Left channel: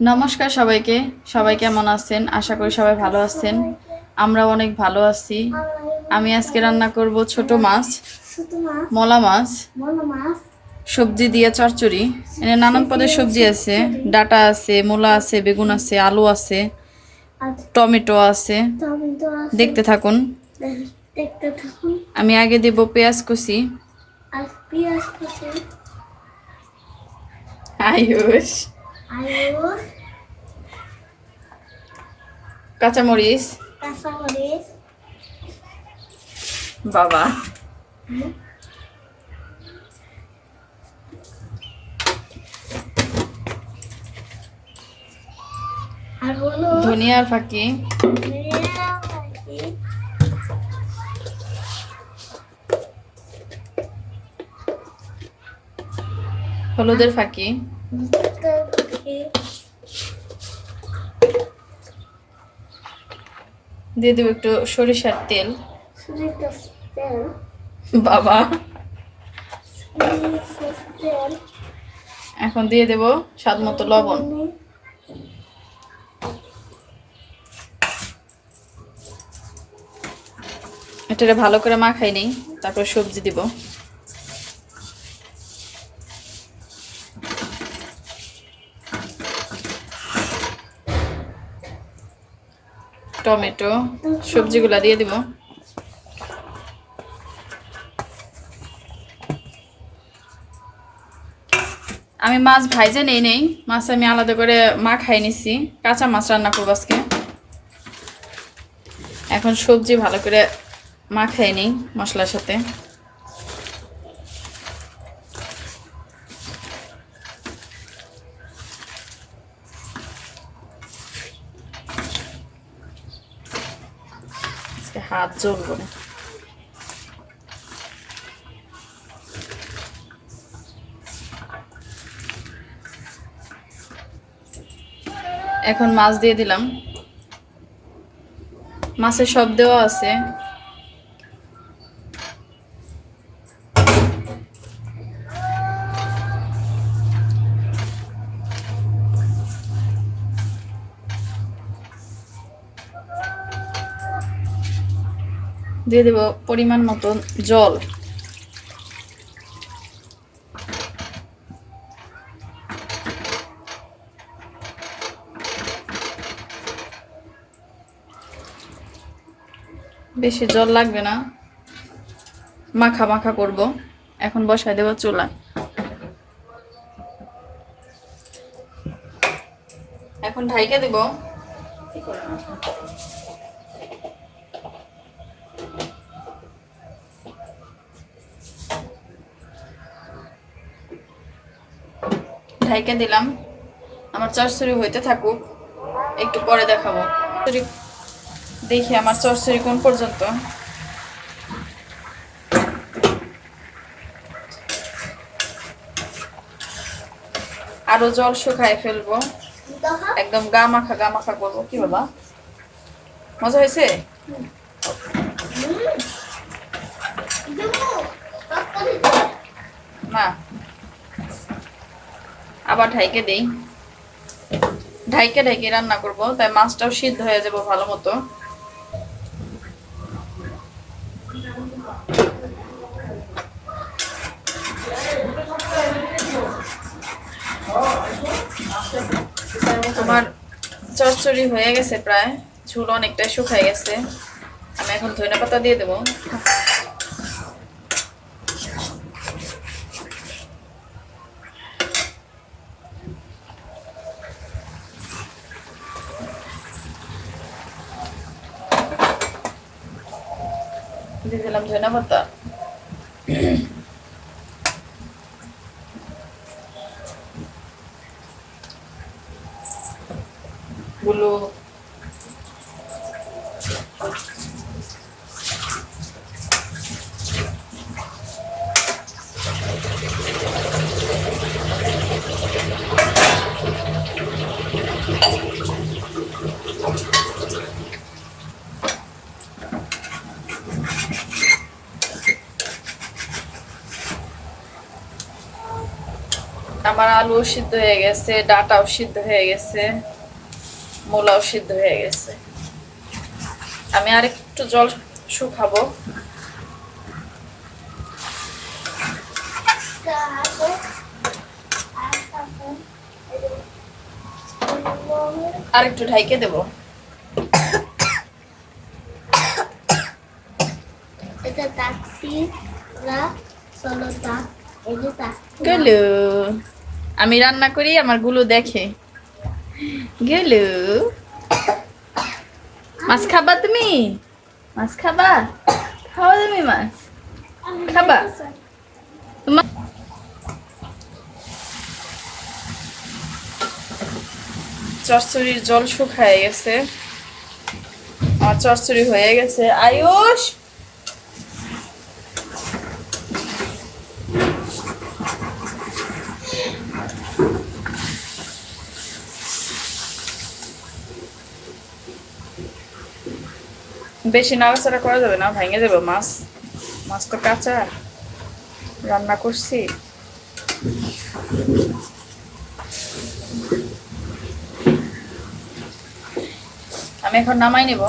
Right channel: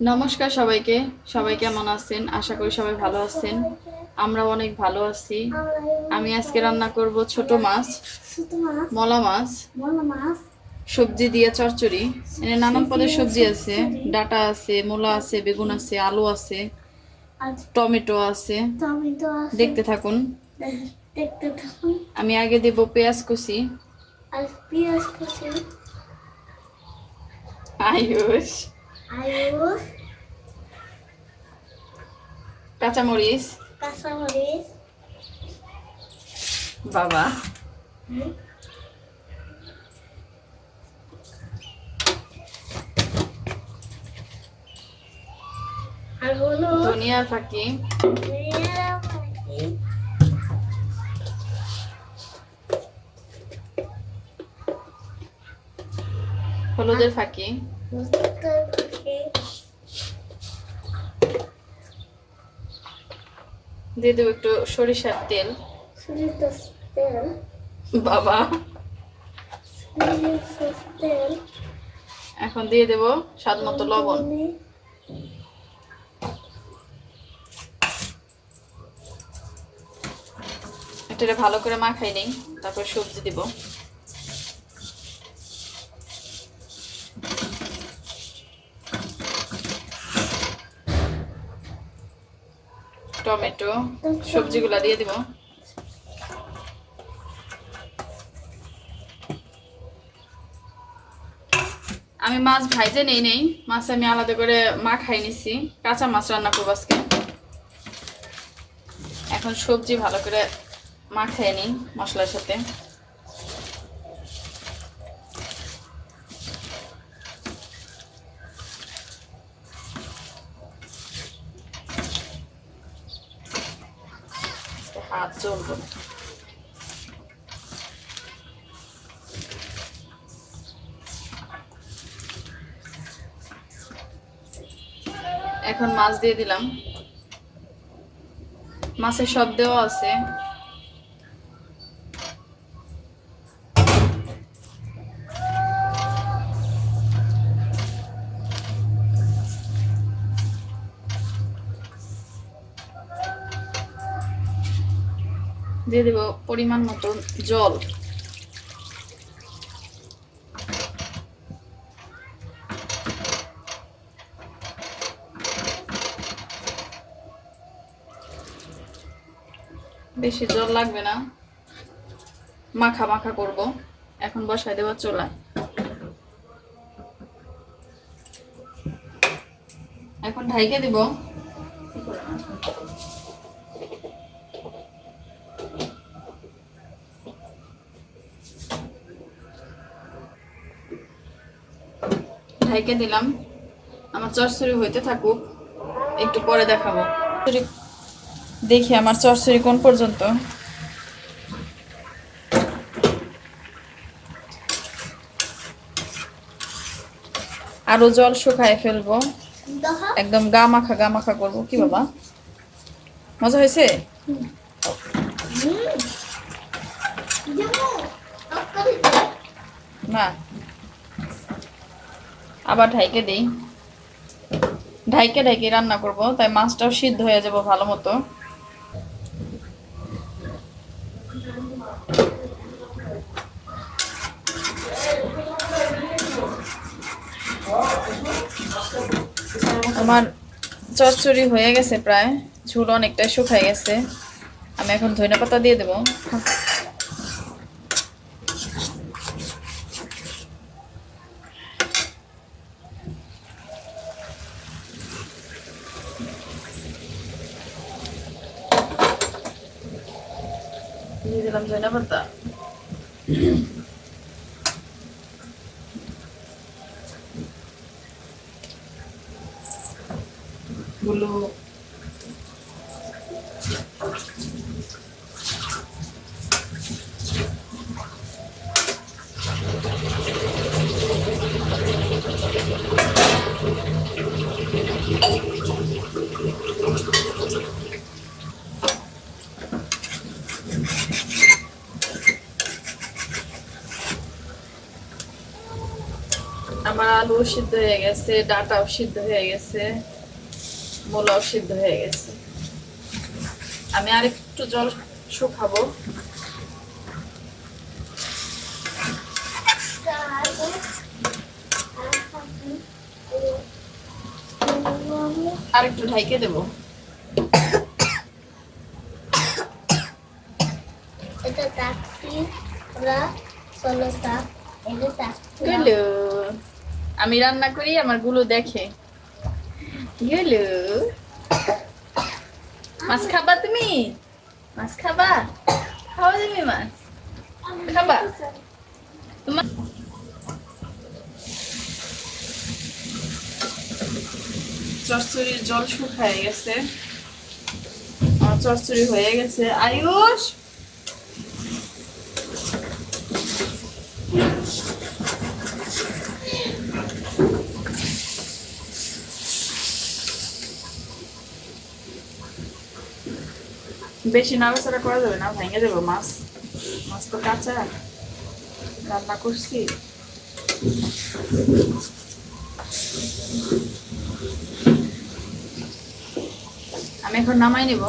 নমস্কার সবাইকে। সবাই কেমন আছেন? আশা করি সবাই ভালো আছেন। আমরা অনেক ভালো আছি। আমি আজকে রান্না করব ছোট মাছ, মলা মাছ, সবজি দিয়ে চচ্চড়ি। এখানে নানান পদের সবজি আছে, ডাটা আছে, মূলা আছে, বেগুন আছে, আলু আছে, টমেটো আছে। দেখতে থাকুন। আমি আগে দেব পেঁয়াজ কুচি। আয়ুষ, কাঁচামরিচ, বাবা, ধনিয়ার ফাঁকি, হলুদের ফাঁকি, দিয়ে দেবো একটু সরিষার তেল। বাবা, এখন দিয়ে দেব স্বাদ মতো লবণ। এটা ভালো করে মাখাই নিই, তারপর সবজি দিব। টমেটো, সবজিগুলা দিয়ে দিব। আমি মাছ ভাইজে নেই, মাছ আমি আলাদা করে মাখাই নিছি। কাঁচা মাছ রান্না করবো আজকে। এখন সবজি ভালো করে মাখাই নিই মশলার সাথে। হাত জ্বলবো না। এখন মাছ দিয়ে দিলাম। মাছের সব দেওয়া আছে। দিয়ে দেব পরিমাণ মতো জল। বেশি জল লাগবে না, মাখা মাখা করব। এখন বসাই দেব চুলায়। এখন ঢাইকে দেব। ঢাইকে দিলাম। আমার চচ্চড়ি হইতে থাকুক, একটু পরে দেখাবো। দেখি আমার চচ্চড়ি কোন পর্যন্ত। আরো জল শুকায় ফেলবো, একদম গা মাখা করবো। কি বাবা, মজা হয়েছে? না, আবার ঢাইকে দেই। ঢাইকে ঢাইকে রান্না করব, তাই মাছটাও সিদ্ধ হয়ে যাব ভালো মতো। আমার চচ্চড়ি হয়ে গেছে প্রায়, ঝোল অনেকটাই শুকায় গেছে। আমি এখন ধনেপাতা দিয়ে দেবো। দিয়ে দিলাম ধনেপাতা। গুলো আমার আলু সিদ্ধ হয়ে গেছে, ডাটাও সিদ্ধ হয়ে গেছে, মূলাও সিদ্ধ হয়ে গেছে। আমি আর একটু জল শুকাবো। আর একটু ঢাইকে দেবো। গেলো, আমি রান্না করি, আমার গুলো দেখে। গেলো, মাছ খাবা তুমি? মাছ খাবা? খাবা তুমি মাছ? খাবা? তোমার চচ্চড়ির জল শুকায় গেছে, আমার চচ্চড়ি হয়ে গেছে। আয়ুষ, বেশি নাড়াচাড়া করা যাবে না, ভেঙে যাবে মাছ। মাছ তো কাঁচা, রান্না করছি। আমি এখন নামাই নেব।